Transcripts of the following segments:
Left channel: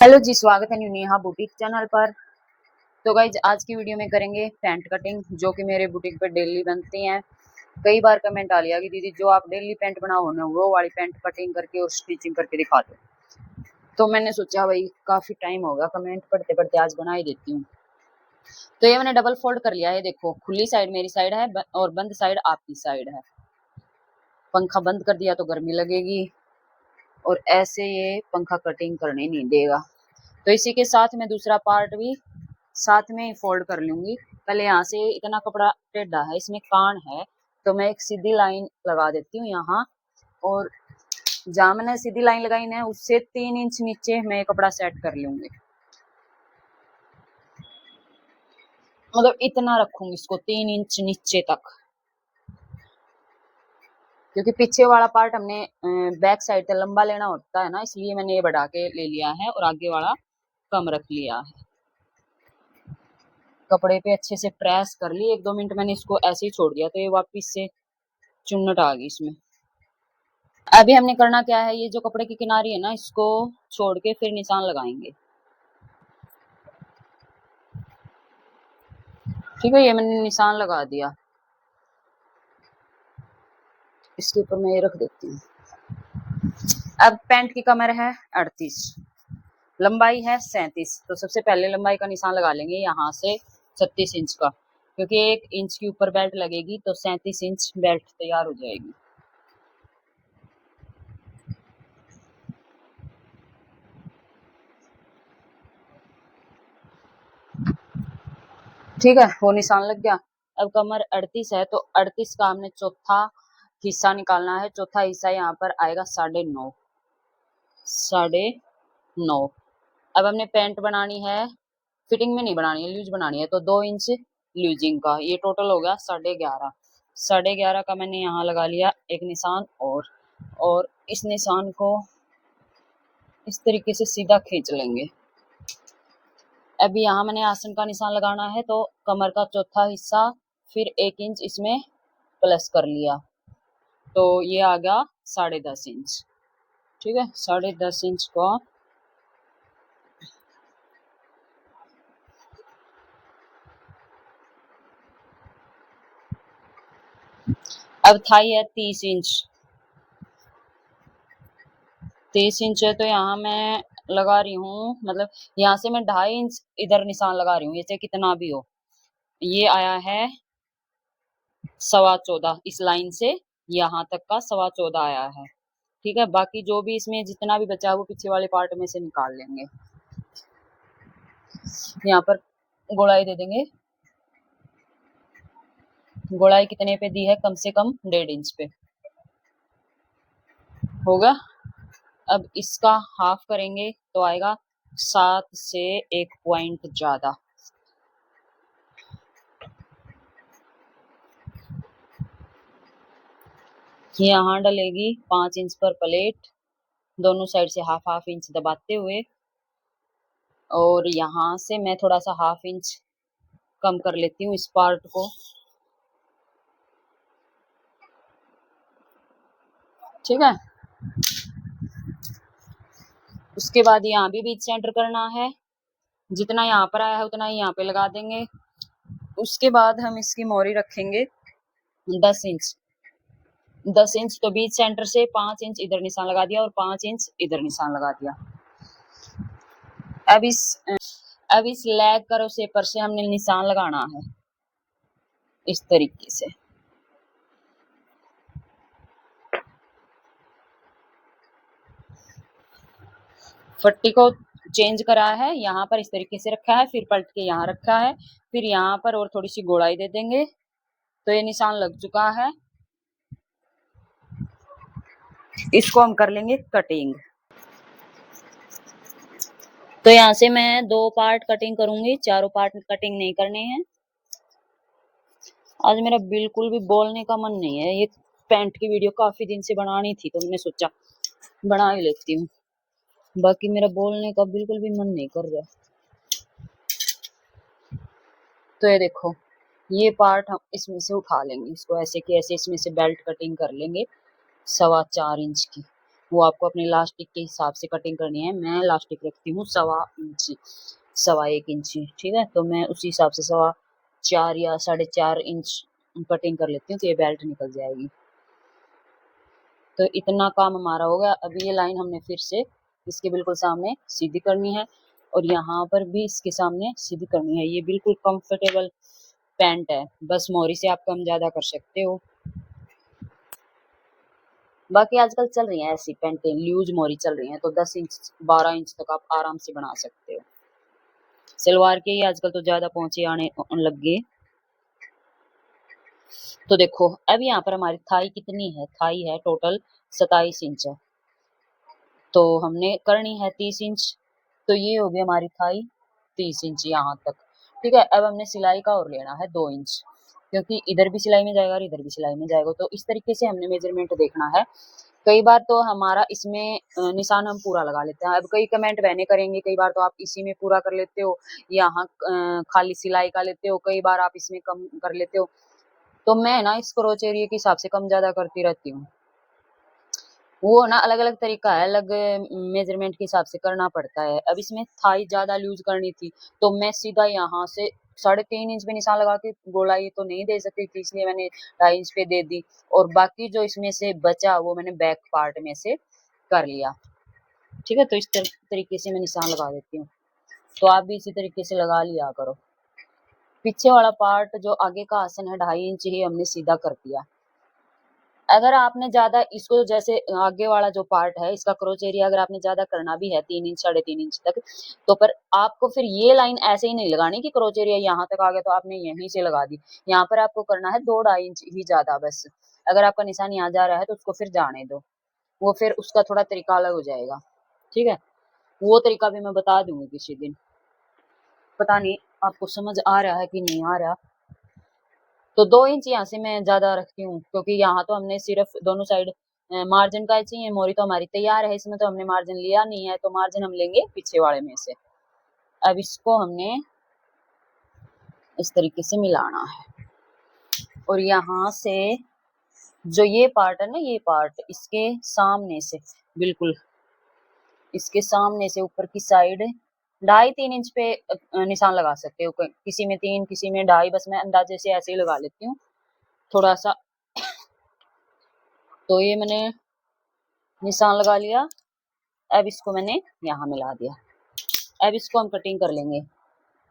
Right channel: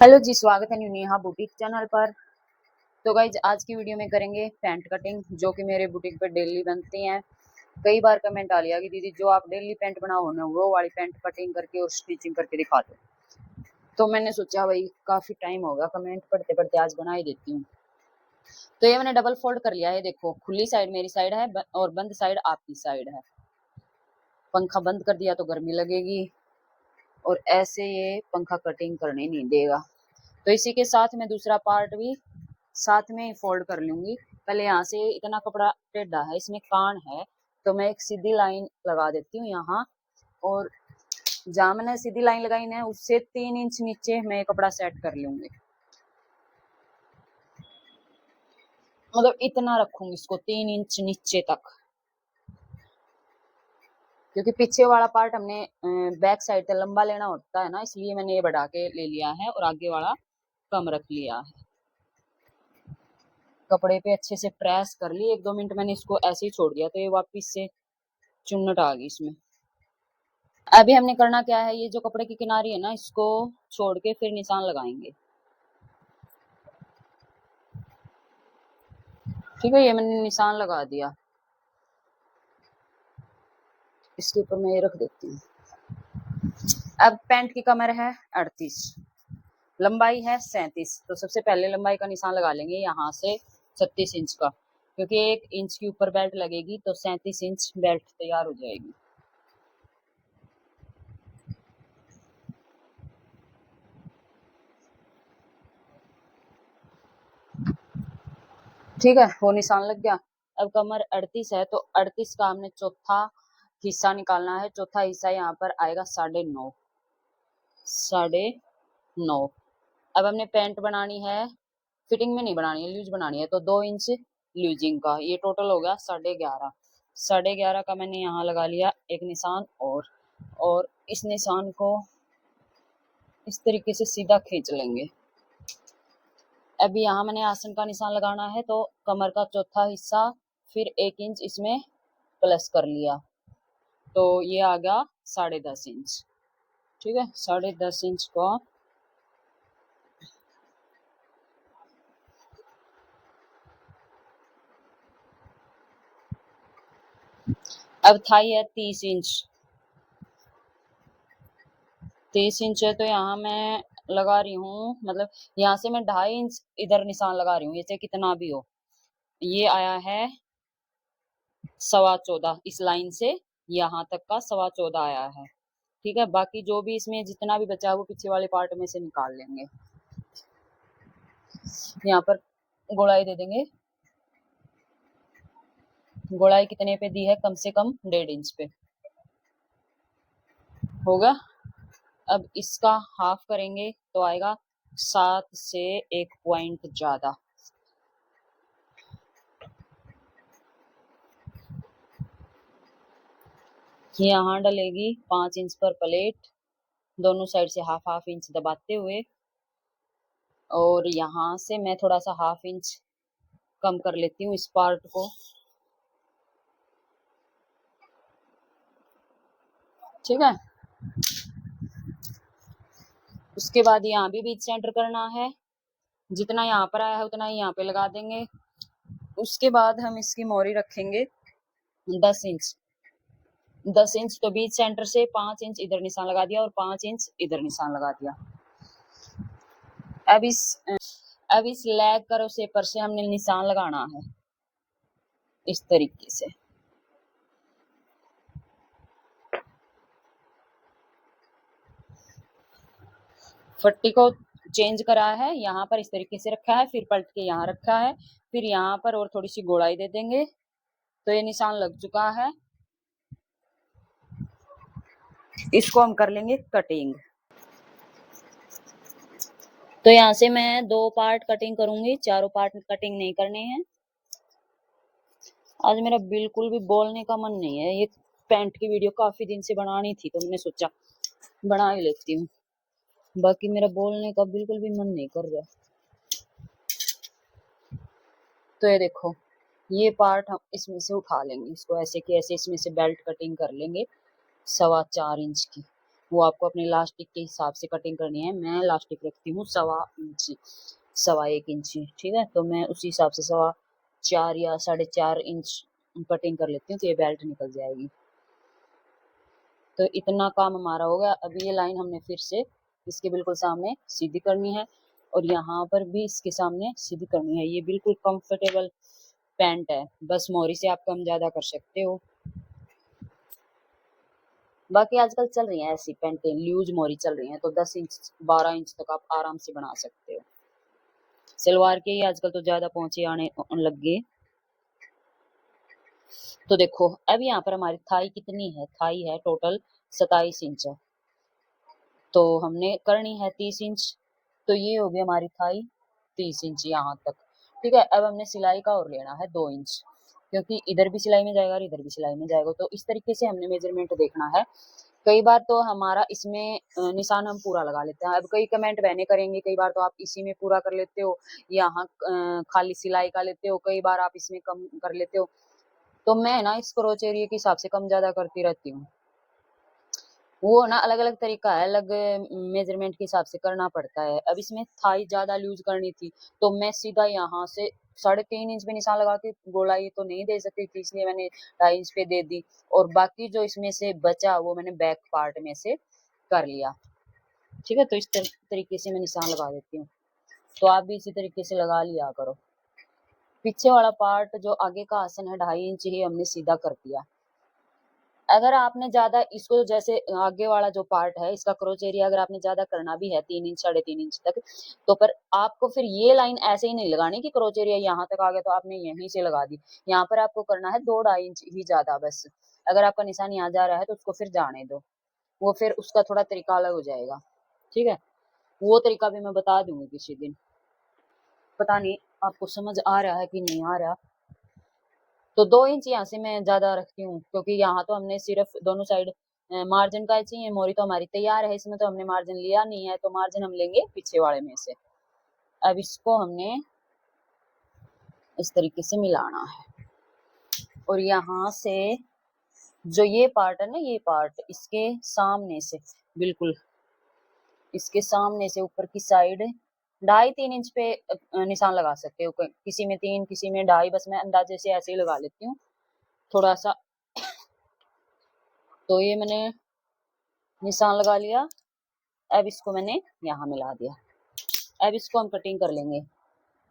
Hello जी, स्वागत है Neha boutique channel पर। तो गाइज आज की वीडियो में करेंगे पैंट कटिंग, जो कि मेरे बुटीक पर डेली बनती हैं। कई बार कमेंट आ लिया कि दीदी जो आप डेली पैंट बनाओ ना वो वाली पैंट कटिंग करके और स्टिचिंग करके दिखा दो। तो मैंने सोचा भाई काफ़ी टाइम होगा कमेंट पढ़ते पढ़ते, आज बना ही देती हूँ। तो ये मैंने डबल फोल्ड कर लिया है। देखो, खुली साइड मेरी साइड है और बंद साइड आपकी साइड है। पंखा बंद कर दिया तो गर्मी लगेगी और ऐसे ये पंखा कटिंग करने नहीं देगा। तो इसी के साथ मैं दूसरा पार्ट भी साथ में ही फोल्ड कर लूंगी। पहले यहाँ से इतना कपड़ा टेढ़ा है, इसमें कान है, तो मैं एक सीधी लाइन लगा देती हूँ यहाँ। और जहाँ मैंने सीधी लाइन लगाई है उससे 3 इंच नीचे मैं कपड़ा सेट कर लूंगी। मतलब इतना रखूंगी इसको 3 इंच नीचे तक, क्योंकि पीछे वाला पार्ट हमने बैक साइड से लंबा लेना होता है ना, इसलिए मैंने ये बढ़ा के ले लिया है और आगे वाला कम रख लिया है। कपड़े पे अच्छे से प्रेस कर ली, 1-2 मिनट मैंने इसको ऐसे ही छोड़ दिया तो ये वापस से चुन्नट आ गई इसमें। अभी हमने करना क्या है, ये जो कपड़े की किनारी है ना इसको छोड़ के फिर निशान लगाएंगे। ठीक है, ये मैंने निशान लगा दिया। इसके ऊपर मैं ये रख देती हूँ। अब पैंट की कमर है 38, लंबाई है 37। तो सबसे पहले लंबाई का निशान लगा लेंगे यहाँ से 36 इंच का, क्योंकि 1 इंच के ऊपर बेल्ट लगेगी तो 37 इंच बेल्ट तैयार हो जाएगी। ठीक है, वो निशान लग गया। अब कमर 38 है तो 38 का हमने चौथा हिस्सा निकालना है। चौथा हिस्सा यहाँ पर आएगा 9.5, 9.5। अब हमने पैंट बनानी है, फिटिंग में नहीं बनानी है, लूज बनानी है, तो 2 इंच लूजिंग का ये टोटल हो गया 11.5। 11.5 का मैंने यहाँ लगा लिया एक निशान और इस निशान को इस तरीके से सीधा खींच लेंगे। अभी यहाँ मैंने आसन का निशान लगाना है, तो कमर का चौथा हिस्सा फिर 1 इंच इसमें प्लस कर लिया, तो ये आ गया 10.5 इंच। ठीक है, 10.5 इंच का अब थाई है 30 इंच। 30 इंच है तो यहाँ मैं लगा रही हूँ, मतलब यहाँ से मैं 2.5 इंच इधर निशान लगा रही हूँ, ये चाहे कितना भी हो। ये आया है 14.25, इस लाइन से यहाँ तक का 14.25 आया है। ठीक है, बाकी जो भी इसमें जितना भी बचा है वो पीछे वाले पार्ट में से निकाल लेंगे। यहाँ पर गोलाई दे देंगे। गोलाई कितने पे दी है, कम से कम 1.5 इंच पे होगा। अब इसका हाफ करेंगे तो आएगा 7 से 1 पॉइंट ज्यादा। यहाँ डलेगी 5 इंच पर प्लेट, दोनों साइड से हाफ हाफ इंच दबाते हुए। और यहाँ से मैं थोड़ा सा हाफ इंच कम कर लेती हूँ इस पार्ट को। ठीक है, उसके बाद यहाँ भी बीच सेंटर करना है, जितना यहाँ पर आया है उतना ही यहाँ पे लगा देंगे। उसके बाद हम इसकी मोरी रखेंगे 10 इंच। 10 इंच तो बीच सेंटर से 5 इंच इधर निशान लगा दिया और 5 इंच इधर निशान लगा दिया। अब इस लेग करो शेपर से हमने निशान लगाना है इस तरीके से। फट्टी को चेंज करा है, यहाँ पर इस तरीके से रखा है, फिर पलट के यहाँ रखा है, फिर यहाँ पर और थोड़ी सी गोलाई दे देंगे तो ये निशान लग चुका है। इसको हम कर लेंगे कटिंग। तो यहाँ से मैं 2 पार्ट कटिंग करूंगी, चारों पार्ट कटिंग नहीं करने हैं। आज मेरा बिल्कुल भी बोलने का मन नहीं है। ये पैंट की वीडियो काफी दिन से बनानी थी तो मैंने सोचा बना ही लेती हूँ, बाकी मेरा बोलने का बिल्कुल भी मन नहीं कर रहा। तो ये देखो, ये पार्ट हम इसमें से उठा लेंगे, इसको ऐसे कि ऐसे इसमें से बेल्ट कटिंग कर लेंगे 4.25 इंच की। वो आपको अपने इलास्टिक के हिसाब से कटिंग करनी है। मैं इलास्टिक रखती हूँ 1.25 इंच, 1.25 इंच, ठीक है। तो मैं उसी हिसाब से 4.25 या 4.5 इंच कटिंग कर लेती हूँ, तो ये बेल्ट निकल जाएगी। तो इतना काम हमारा हो गया। अभी ये लाइन हमने फिर से इसके बिल्कुल सामने सीधी करनी है और यहाँ पर भी इसके सामने सीधी करनी है। ये बिल्कुल कंफर्टेबल पैंट है, बस मोरी से आप कम ज़्यादा कर सकते हो। बाकी आजकल चल रही हैं ऐसी पैंटें, लूज मोरी चल रही हैं, तो 10 इंच 12 इंच तक आप आराम से बना सकते हो। सलवार के ही आजकल तो ज़्यादा पहुंचे आने लग गए। तो देखो अब यहाँ पर हमारी थाई कितनी है, थाई है टोटल 27 इंच है, तो हमने करनी है 30 इंच। तो ये हो गई हमारी थाई 30 इंच यहाँ तक, ठीक है। अब हमने सिलाई का और लेना है 2 इंच, क्योंकि इधर भी सिलाई में जाएगा और इधर भी सिलाई में जाएगा। तो इस तरीके से हमने मेजरमेंट देखना है। कई बार तो हमारा इसमें निशान हम पूरा लगा लेते हैं। अब कई कमेंट बहने करेंगे, कई बार तो आप इसी में पूरा कर लेते हो, यहाँ खाली सिलाई का लेते हो, कई बार आप इसमें कम कर लेते हो। तो मैं ना इस क्रोच एरिया के हिसाब से कम ज्यादा करती रहती हूँ। वो ना अलग अलग तरीका है, अलग मेजरमेंट के हिसाब से करना पड़ता है। अब इसमें थाई ज्यादा लूज करनी थी, तो मैं सीधा यहाँ से 3.5 इंच पे निशान लगा के गोलाई तो नहीं दे सकती थी, इसलिए मैंने 2.5 इंच पे दे दी। और बाकी जो इसमें से बचा वो मैंने बैक पार्ट में से कर लिया, ठीक है। तो इस तरीके से मैं निशान लगा देती हूँ। तो आप भी इसी तरीके से लगा लिया करो। पीछे वाला पार्ट जो आगे का आसन है 2.5 इंच ही हमने सीधा कर दिया। अगर आपने ज्यादा इसको, जैसे आगे वाला जो पार्ट है इसका क्रोच एरिया अगर आपने ज्यादा करना भी है 3 इंच 3.5 इंच तक, तो पर आपको फिर ये लाइन ऐसे ही नहीं लगानी कि क्रोच एरिया यहाँ तक आ गया तो आपने यहीं से लगा दी। यहाँ पर आपको करना है 2-2.5 इंच ही ज्यादा बस। अगर आपका निशान यहाँ जा रहा है तो उसको फिर जाने दो, वो फिर उसका थोड़ा तरीका अलग हो जाएगा, ठीक है। वो तरीका भी मैं बता दूंगी किसी दिन। पता नहीं आपको समझ आ रहा है कि नहीं आ रहा। तो 2 इंच यहाँ से मैं ज्यादा रखती हूँ, क्योंकि यहाँ तो हमने सिर्फ दोनों साइड मार्जिन का चाहिए। मोरी तो हमारी तैयार है, इसमें तो हमने मार्जिन लिया नहीं है, तो मार्जिन हम लेंगे पीछे वाले में से। अब इसको हमने इस तरीके से मिलाना है और यहाँ से जो ये पार्ट है ना, ये पार्ट इसके सामने से, बिल्कुल इसके सामने से ऊपर की साइड 2.5-3 इंच पे निशान लगा सकते हो। किसी में 3 किसी में 2.5, बस मैं अंदाजे से ऐसे ही लगा लेती हूँ थोड़ा सा। तो ये मैंने निशान लगा लिया। अब इसको मैंने यहाँ मिला दिया। अब इसको हम कटिंग कर लेंगे।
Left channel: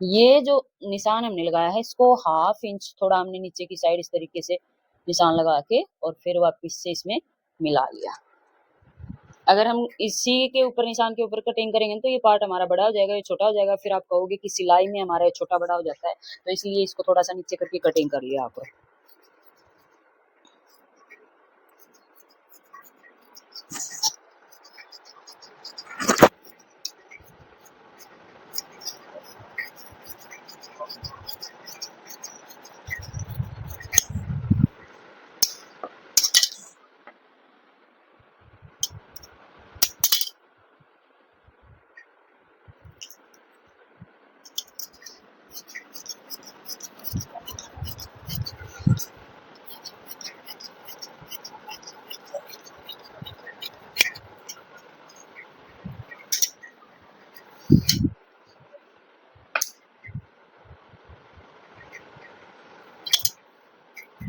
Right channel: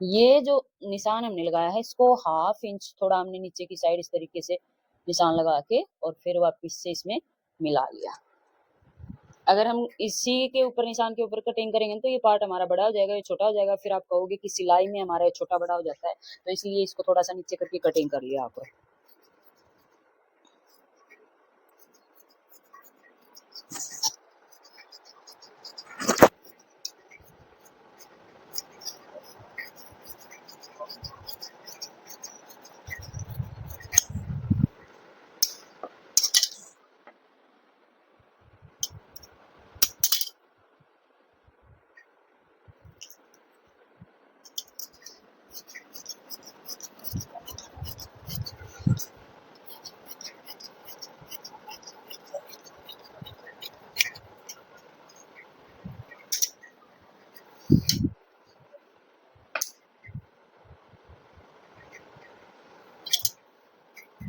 ये जो निशान हमने लगाया है इसको 1/2 इंच थोड़ा हमने नीचे की साइड इस तरीके से निशान लगा के और फिर वापस से इसमें मिला लिया। अगर हम इसी के ऊपर निशान के ऊपर कटिंग करेंगे तो ये पार्ट हमारा बड़ा हो जाएगा, ये छोटा हो जाएगा। फिर आप कहोगे कि सिलाई में हमारा ये छोटा बड़ा हो जाता है, तो इसलिए इसको थोड़ा सा नीचे करके कटिंग कर लिया आपको।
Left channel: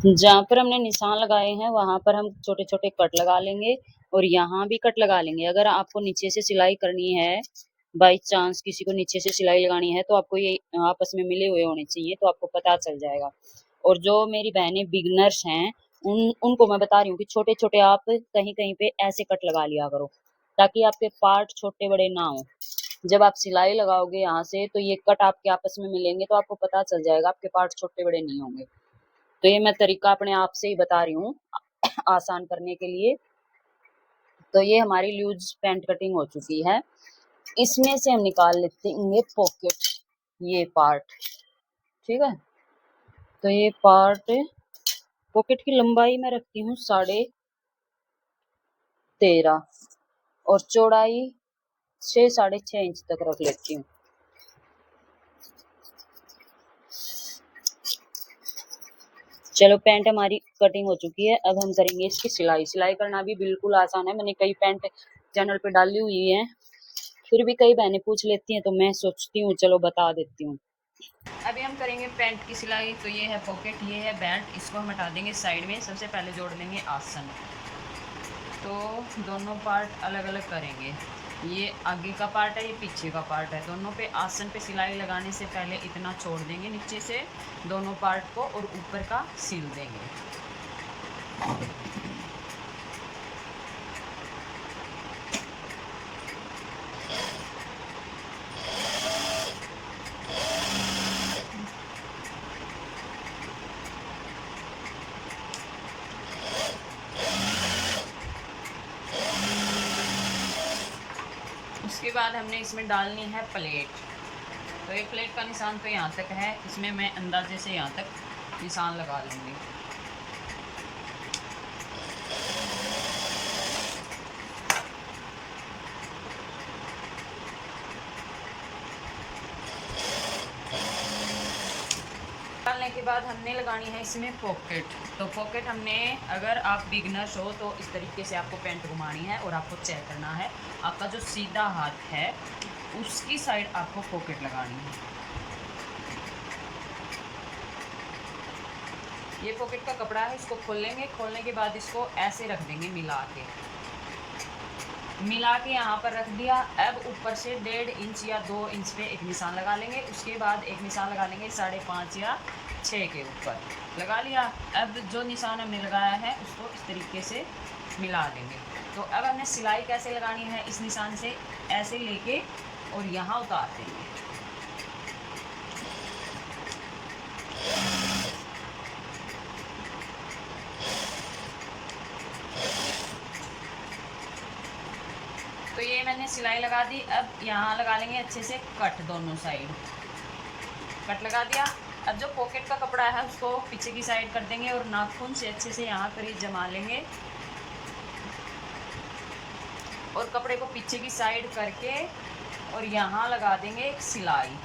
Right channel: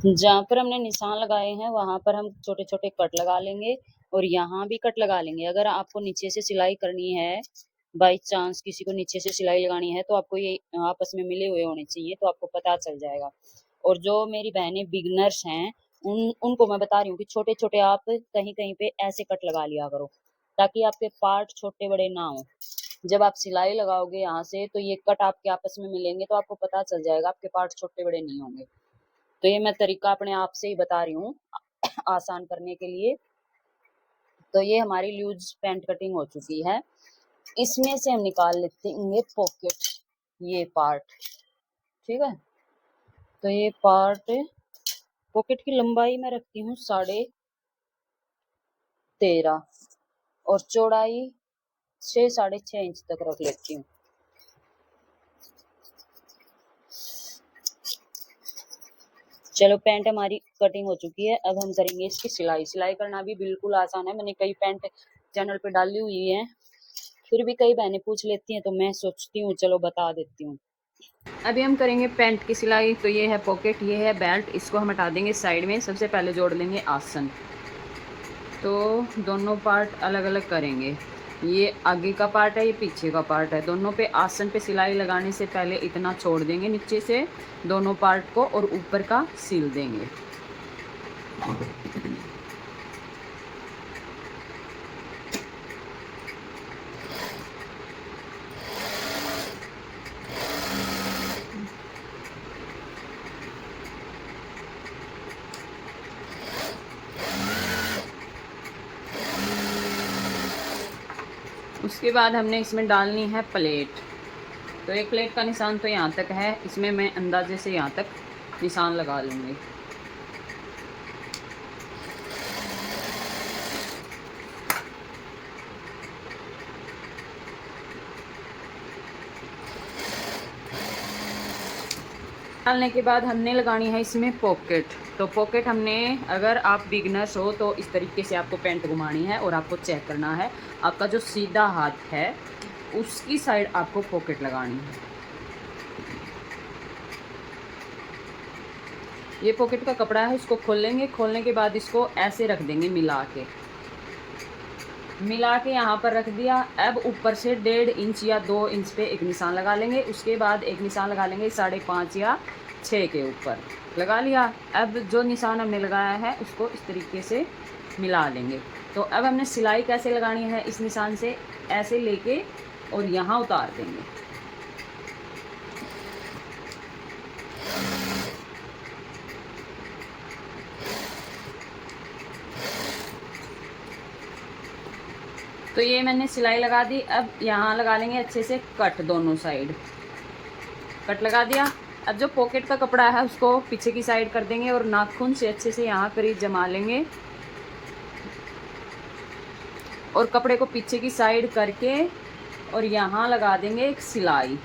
जहाँ पर हमने निशान लगाए हैं वहां पर हम छोटे छोटे कट लगा लेंगे और यहाँ भी कट लगा लेंगे। अगर आपको नीचे से सिलाई करनी है, बाई चांस किसी को नीचे से सिलाई लगानी है, तो आपको ये आपस में मिले हुए होने चाहिए, तो आपको पता चल जाएगा। और जो मेरी बहनें बिगनर्स हैं उनको मैं बता रही हूँ कि छोटे छोटे आप कहीं कहीं पे ऐसे कट लगा लिया करो, ताकि आपके पार्ट छोटे बड़े ना हो। जब आप सिलाई लगाओगे यहाँ से तो ये कट आपके आपस में मिलेंगे, तो आपको पता चल जाएगा, आपके पार्ट छोटे बड़े नहीं होंगे। तो ये मैं तरीका अपने आप से ही बता रही हूँ आसान करने के लिए। तो ये हमारी लूज पैंट कटिंग हो चुकी है। इसमें से हम निकाल लेते हैं पॉकेट, ये पार्ट, ठीक है। तो ये पार्ट पॉकेट की लंबाई मैं रखती हूँ 13.5 और चौड़ाई 6-6.5 इंच तक रख लेती हूँ। चलो पैंट हमारी कटिंग हो चुकी है। अब हम करेंगे इसकी सिलाई। सिलाई करना भी बिल्कुल आसान है। मैंने कई पैंट चैनल पे डाली हुई है, फिर भी कई बहनें पूछ लेती हैं, तो मैं सोचती हूँ चलो बता देती हूँ। अभी हम करेंगे पैंट की सिलाई। तो ये है पॉकेट, ये है बेल्ट, इसको हम हटा देंगे साइड में। सबसे पहले जोड़ लेंगे आसन। तो दोनों पार्ट अलग अलग करेंगे। ये आगे का पार्ट है, ये पीछे का पार्ट है। दोनों पे आसन पे सिलाई लगाने से पहले इतना छोड़ देंगे नीचे से दोनों पार्ट को, और ऊपर का सील देंगे। उसके बाद हमने इसमें डालनी है प्लेट। तो एक प्लेट का निशान तो यहाँ तक है, इसमें मैं अंदाजे से यहाँ तक निशान लगा लूँगी। डालने के बाद हमने लगानी है इसमें पॉकेट। तो पॉकेट हमने, अगर आप बिगनर्स हो तो इस तरीके से आपको पैंट घुमानी है और आपको चेक करना है आपका जो सीधा हाथ है उसकी साइड आपको पॉकेट लगानी है। ये पॉकेट का कपड़ा है, इसको खोल लेंगे। खोलने के बाद इसको ऐसे रख देंगे मिला के यहाँ पर रख दिया। अब ऊपर से 1.5 इंच या 2 इंच पे एक निशान लगा लेंगे। उसके बाद एक निशान लगा लेंगे 5.5 या 6 के ऊपर लगा लिया। अब जो निशान हमने लगाया है उसको इस तरीके से मिला लेंगे। तो अब हमने सिलाई कैसे लगानी है, इस निशान से ऐसे लेके और यहाँ उतार देंगे। तो ये मैंने सिलाई लगा दी। अब यहाँ लगा लेंगे अच्छे से कट, दोनों साइड कट लगा दिया। अब जो पॉकेट का कपड़ा है उसको पीछे की साइड कर देंगे और नाखून से अच्छे से यहाँ करीब जमा लेंगे और कपड़े को पीछे की साइड करके और यहाँ लगा देंगे एक सिलाई।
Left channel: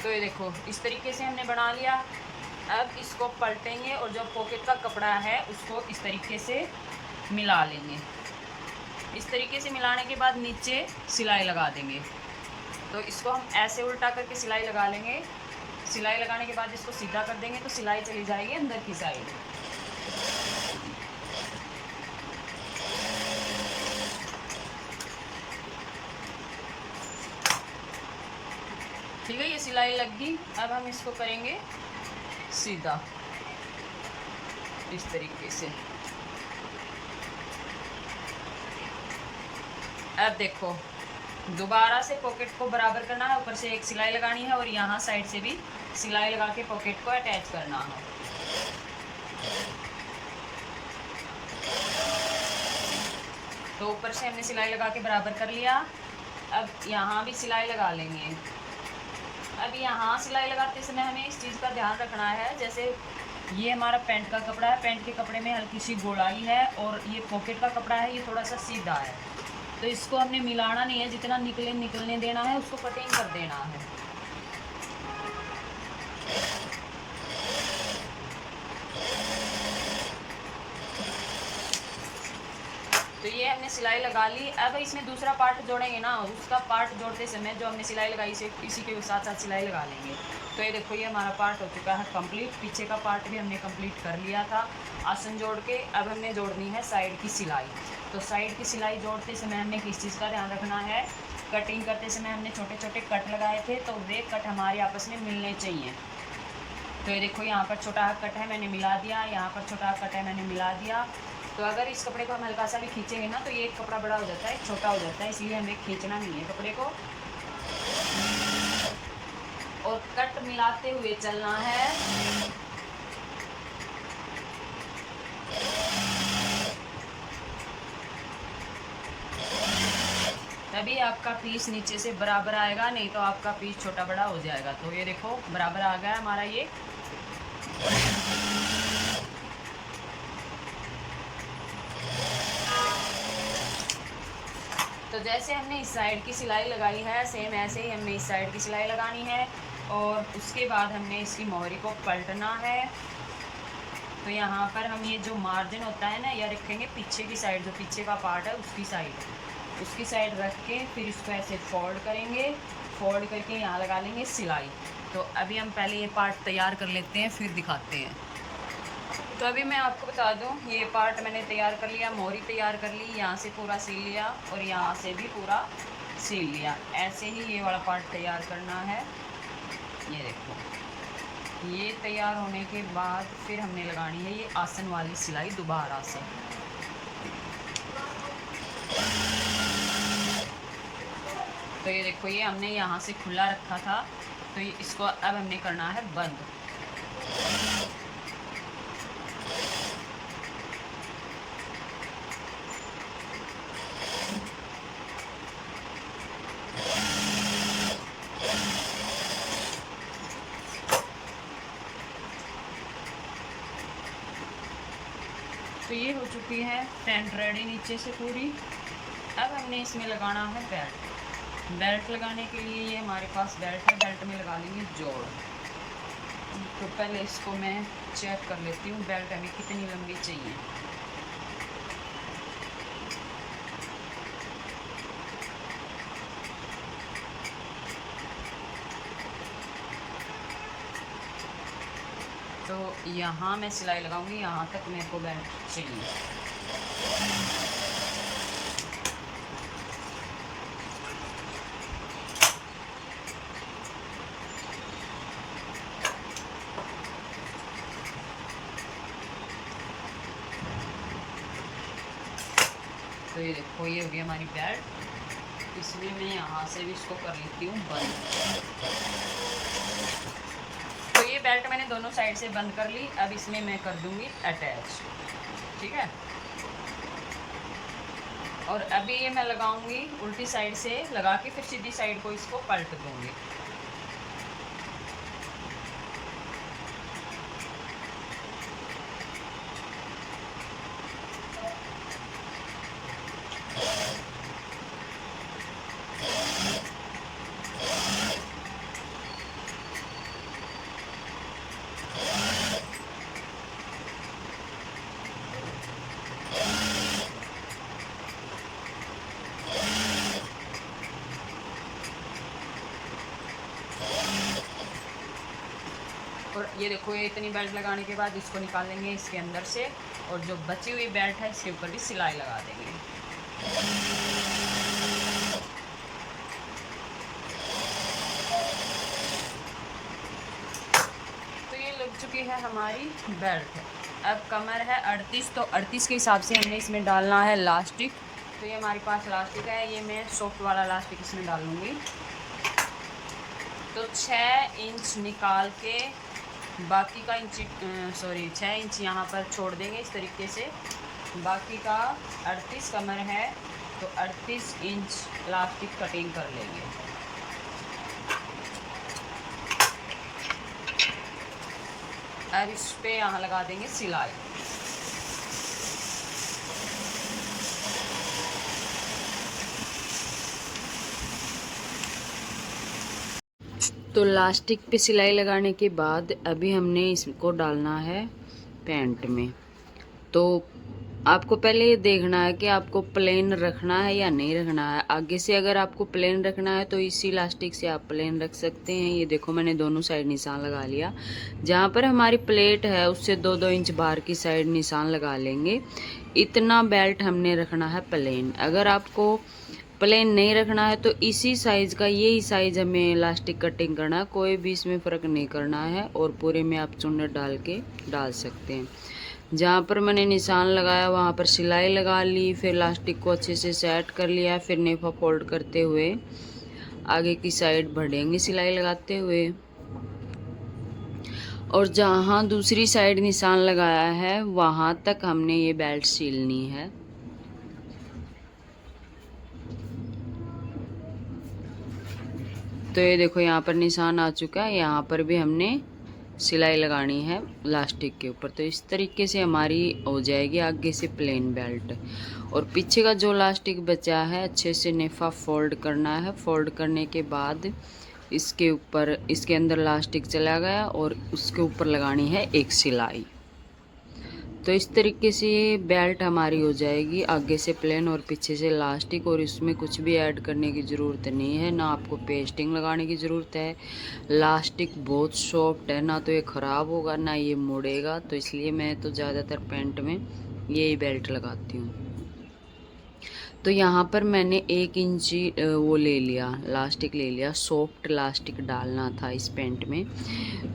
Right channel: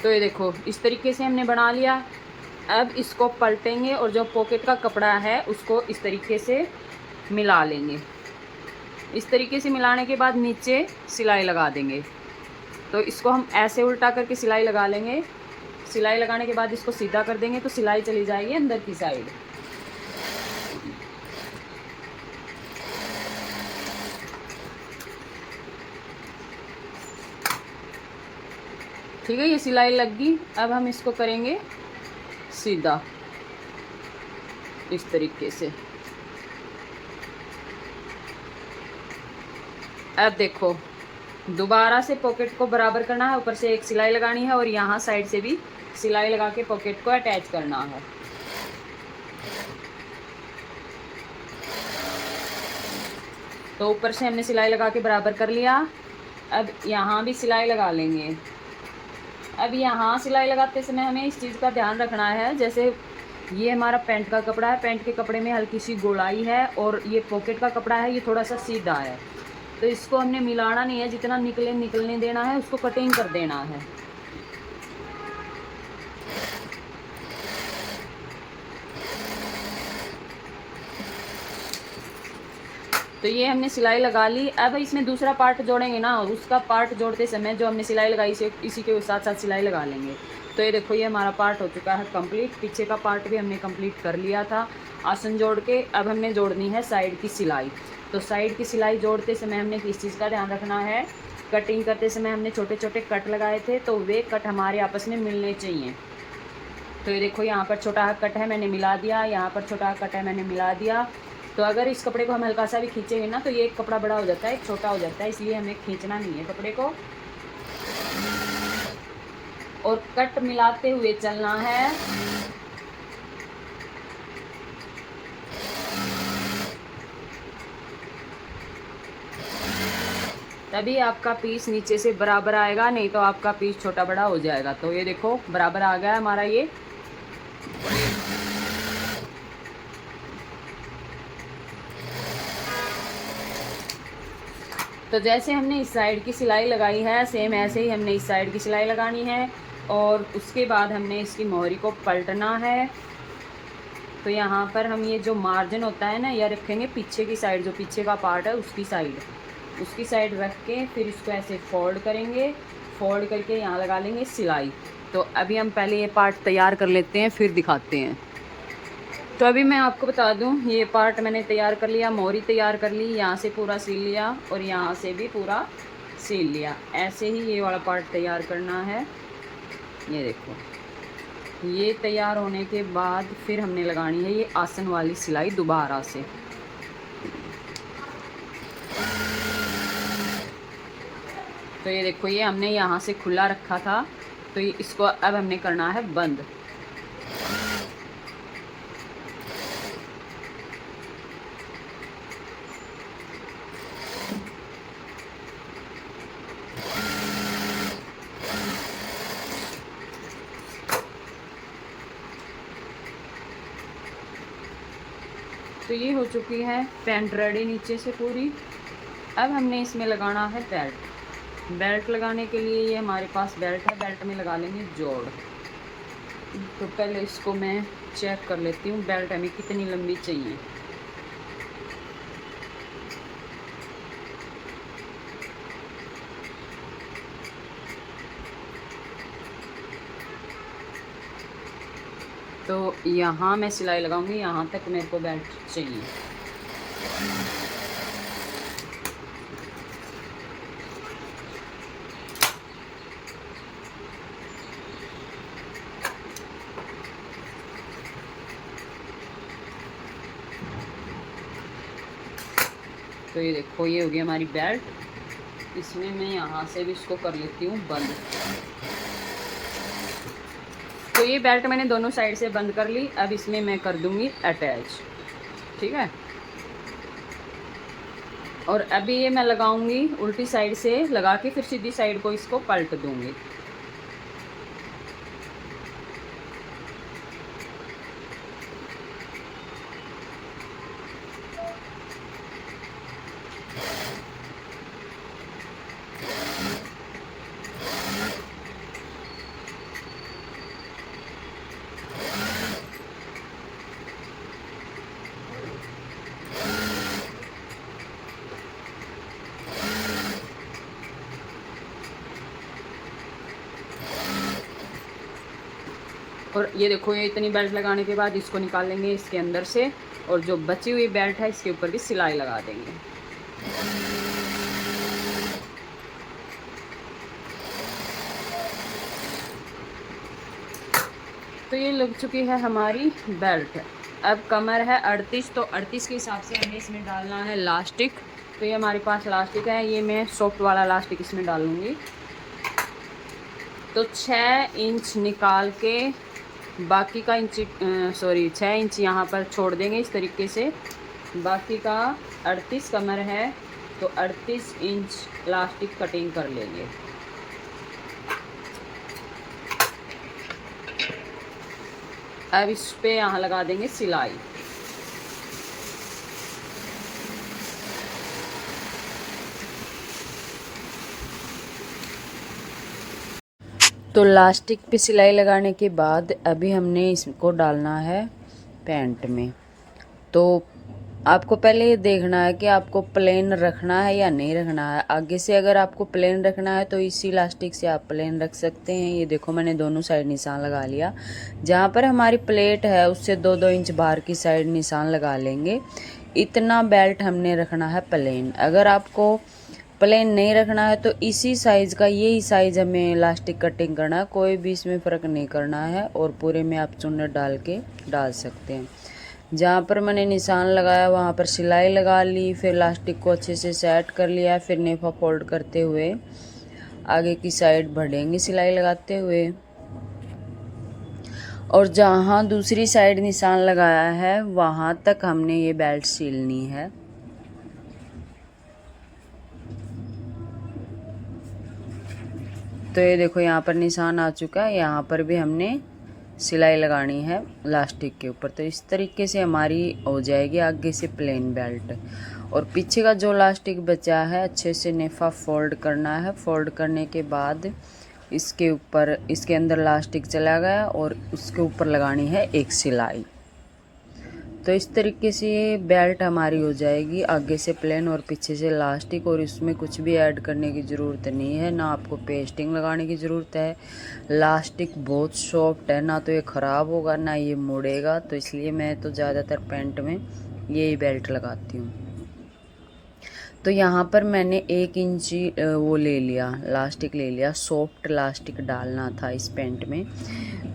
तो ये देखो इस तरीके से हमने बना लिया। अब इसको पलटेंगे और जो पॉकेट का कपड़ा है उसको इस तरीके से मिला लेंगे। इस तरीके से मिलाने के बाद नीचे सिलाई लगा देंगे। तो इसको हम ऐसे उल्टा करके सिलाई लगा लेंगे। सिलाई लगाने के बाद इसको सीधा कर देंगे तो सिलाई चली जाएगी अंदर की साइड। ठीक है, ये सिलाई लग गई। अब हम इसको करेंगे सीधा इस तरीके से। अब देखो दोबारा से पॉकेट को बराबर करना है, ऊपर से एक सिलाई लगानी है और यहाँ साइड से भी सिलाई लगा के पॉकेट को अटैच करना है। तो ऊपर से हमने सिलाई लगा के बराबर कर लिया। अब यहाँ भी सिलाई लगा लेंगे। अब यहाँ सिलाई लगाते समय हमें इस चीज़ का ध्यान रखना है, जैसे ये हमारा पैंट का कपड़ा है, पैंट के कपड़े में हल्की सी गोलाई है और ये पॉकेट का कपड़ा है, ये थोड़ा सा सीधा है। तो इसको हमने मिलाना नहीं है, जितना निकलने देना है उसको कटिंग कर देना है। तो ये हमने सिलाई लगा ली। अब इसमें दूसरा पार्ट जोड़ेंगे ना, उसका पार्ट जोड़ते समय जो हमने सिलाई लगाई इसी के साथ साथ सिलाई लगा लेंगे। तो ये देखो ये हमारा पार्ट हो चुका है कंप्लीट। पीछे का पार्ट भी हमने कंप्लीट कर लिया था आसन जोड़ के। अब हमें जोड़नी है साइड की सिलाई। तो साइड की सिलाई जोड़ते समय हमने किस चीज़ का ध्यान रखना है, कटिंग करते समय हमने छोटे छोटे कट लगाए थे, तो वे कट हमारे आपस में मिलने चाहिए। तो ये देखो यहाँ पर छोटा कट है मैंने मिला दिया, यहाँ पर छोटा कट है मैंने मिला दिया। तो अगर इस कपड़े को हम हल्का सा भी खींचेंगे ना तो ये एक कपड़ा बड़ा हो जाता है, एक छोटा हो जाता है, इसलिए हमें खींचना नहीं है कपड़े को। और कट मिलाते हुए चलना है। तभी आपका पीस नीचे से बराबर आएगा, नहीं तो आपका पीस छोटा बड़ा हो जाएगा। तो ये देखो बराबर आ गया हमारा ये। तो जैसे हमने इस साइड की सिलाई लगाई है, सेम ऐसे ही हमने इस साइड की सिलाई लगानी है और उसके बाद हमने इसकी मोहरी को पलटना है। तो यहाँ पर हम ये जो मार्जिन होता है ना, यह रखेंगे पीछे की साइड, जो पीछे का पार्ट है उसकी साइड रख के फिर इसको ऐसे फोल्ड करेंगे। फोल्ड करके यहाँ लगा लेंगे सिलाई। तो अभी हम पहले ये पार्ट तैयार कर लेते हैं, फिर दिखाते हैं। तो अभी मैं आपको बता दूं, ये पार्ट मैंने तैयार कर लिया, मोहरी तैयार कर ली, यहाँ से पूरा सील लिया और यहाँ से भी पूरा सील लिया। ऐसे ही ये वाला पार्ट तैयार करना है। ये देखो, ये तैयार होने के बाद फिर हमने लगानी है ये आसन वाली सिलाई दोबारा से। तो ये देखो, ये हमने यहाँ से खुला रखा था, तो ये इसको अब हमने करना है बंद। तो ये हो चुकी है पैंट रेडी नीचे से पूरी। अब हमने इसमें लगाना है बेल्ट। बेल्ट लगाने के लिए ये हमारे पास बेल्ट है, बेल्ट में लगा लेंगे जोड़। तो पहले इसको मैं चेक कर लेती हूँ बेल्ट हमें कितनी लंबी चाहिए। तो यहाँ मैं सिलाई लगाऊंगी, यहाँ तक मेरे को बेल्ट चाहिए। तो ये देखो, ये हो गई हमारी बेल्ट। इसमें मैं यहाँ से भी इसको कर लेती हूँ बंद। तो ये बेल्ट मैंने दोनों साइड से बंद कर ली। अब इसमें मैं कर दूँगी अटैच, ठीक है। और अभी ये मैं लगाऊंगी उल्टी साइड से लगा के, फिर सीधी साइड को इसको पलट दूँगी। और ये देखो, ये इतनी बेल्ट लगाने के बाद इसको निकाल लेंगे इसके अंदर से, और जो बची हुई बेल्ट है इसके ऊपर भी सिलाई लगा देंगे। तो ये लग चुकी है हमारी बेल्ट। अब कमर है 38, तो 38 के हिसाब से हमने इसमें डालना है लास्टिक। तो ये हमारे पास लास्टिक है, ये मैं सॉफ्ट वाला लास्टिक इसमें डालूँगी। तो 6 इंच निकाल के बाकी का 6 इंच यहाँ पर छोड़ देंगे इस तरीके से। बाकी का 38 कमर है, तो 38 इंच लास्टिक कटिंग कर लेंगे। अब इस पे यहाँ लगा देंगे सिलाई। तो लास्टिक पे सिलाई लगाने के बाद अभी हमने इसको डालना है पैंट में। तो आपको पहले ये देखना है कि आपको प्लेन रखना है या नहीं रखना है। आगे से अगर आपको प्लेन रखना है तो इसी इलास्टिक से आप प्लेन रख सकते हैं। ये देखो, मैंने दोनों साइड निशान लगा लिया। जहाँ पर हमारी प्लेट है उससे 2-2 इंच बाहर की साइड निशान लगा लेंगे। इतना बेल्ट हमने रखना है प्लेन। अगर आपको प्लेन नहीं रखना है तो इसी साइज़ का, यही साइज़ हमें इलास्टिक कटिंग करना है। कोई भी इसमें फ़र्क नहीं करना है और पूरे में आप चुन्नट डाल सकते हैं। जहाँ पर मैंने निशान लगाया वहाँ पर सिलाई लगा ली, फिर इलास्टिक को अच्छे से सेट कर लिया, फिर नेफा फोल्ड करते हुए आगे की साइड बढ़ेंगे सिलाई लगाते हुए। और जहाँ दूसरी साइड निशान लगाया है वहाँ तक हमने ये बेल्ट सिलनी है। तो ये देखो, यहाँ पर निशान आ चुका है, यहाँ पर भी हमने सिलाई लगानी है लास्टिक के ऊपर। तो इस तरीके से हमारी हो जाएगी आगे से प्लेन बेल्ट। और पीछे का जो लास्टिक बचा है अच्छे से नेफा फोल्ड करना है। फोल्ड करने के बाद इसके ऊपर, इसके अंदर लास्टिक चला गया और उसके ऊपर लगानी है एक सिलाई। तो इस तरीके से ये बेल्ट हमारी हो जाएगी आगे से प्लेन और पीछे से लास्टिक। और इसमें कुछ भी ऐड करने की ज़रूरत नहीं है, ना आपको पेस्टिंग लगाने की ज़रूरत है। लास्टिक बहुत सॉफ्ट है, ना तो ये ख़राब होगा ना ये मुड़ेगा। तो इसलिए मैं तो ज़्यादातर पैंट में यही बेल्ट लगाती हूँ। तो यहाँ पर मैंने 1 इंची वो ले लिया, लास्टिक ले लिया। सॉफ्ट लास्टिक डालना था इस पैंट में,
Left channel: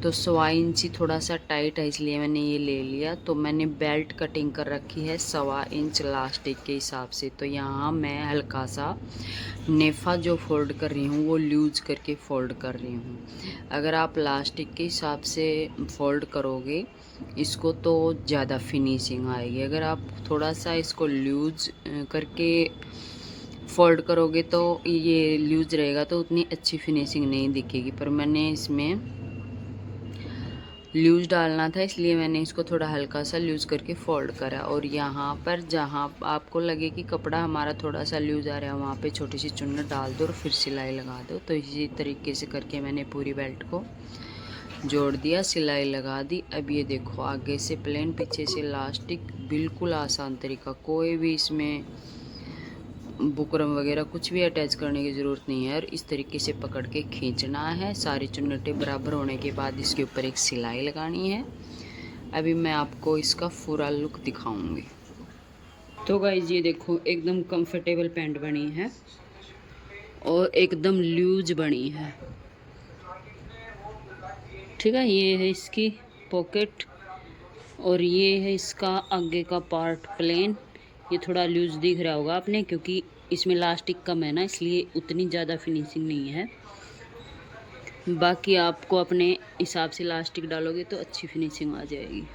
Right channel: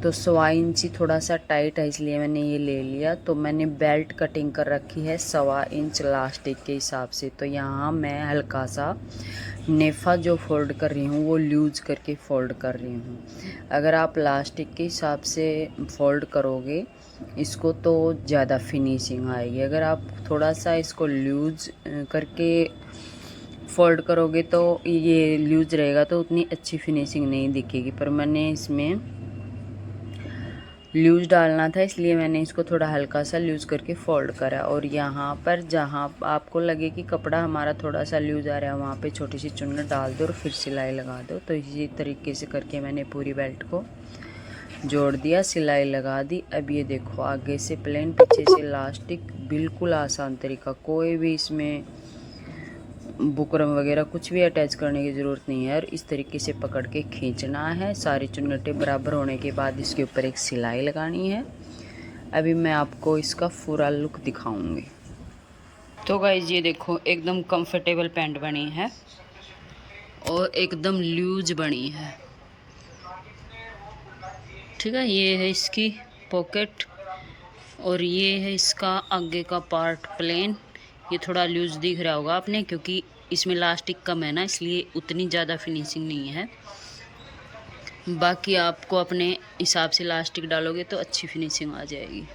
तो 1.25 इंची थोड़ा सा टाइट है इसलिए मैंने ये ले लिया। तो मैंने बेल्ट कटिंग कर रखी है 1.25 इंच लास्टिक के हिसाब से। तो यहाँ मैं हल्का सा नेफा जो फोल्ड कर रही हूँ वो लूज करके फोल्ड कर रही हूँ। अगर आप लास्टिक के हिसाब से फोल्ड करोगे इसको तो ज़्यादा फिनिशिंग आएगी। अगर आप थोड़ा सा इसको लूज करके फोल्ड करोगे तो ये लूज रहेगा तो उतनी अच्छी फिनिशिंग नहीं दिखेगी। पर मैंने इसमें लूज डालना था इसलिए मैंने इसको थोड़ा हल्का सा लूज करके फोल्ड करा। और यहाँ पर जहाँ आपको लगे कि कपड़ा हमारा थोड़ा सा लूज आ रहा है वहाँ पे छोटी सी चुन्नट डाल दो और फिर सिलाई लगा दो। तो इसी तरीके से करके मैंने पूरी बेल्ट को जोड़ दिया, सिलाई लगा दी। अब ये देखो आगे से प्लेन पीछे से लास्टिक, बिल्कुल आसान तरीका। कोई भी इसमें बुकरम वगैरह कुछ भी अटैच करने की ज़रूरत नहीं है। और इस तरीके से पकड़ के खींचना है। सारी चुन्नटें बराबर होने के बाद इसके ऊपर एक सिलाई लगानी है। अभी मैं आपको इसका पूरा लुक दिखाऊंगी। तो गाइस ये देखो एकदम कंफर्टेबल पैंट बनी है और एकदम लूज बनी है, ठीक है। ये है इसकी पॉकेट और ये है इसका आगे का पार्ट प्लेन। ये थोड़ा लूज दिख रहा होगा आपने क्योंकि इसमें लास्टिक कम है ना, इसलिए उतनी ज़्यादा फिनिशिंग नहीं है। बाकी आपको अपने हिसाब से लास्टिक डालोगे तो अच्छी फिनिशिंग आ जाएगी।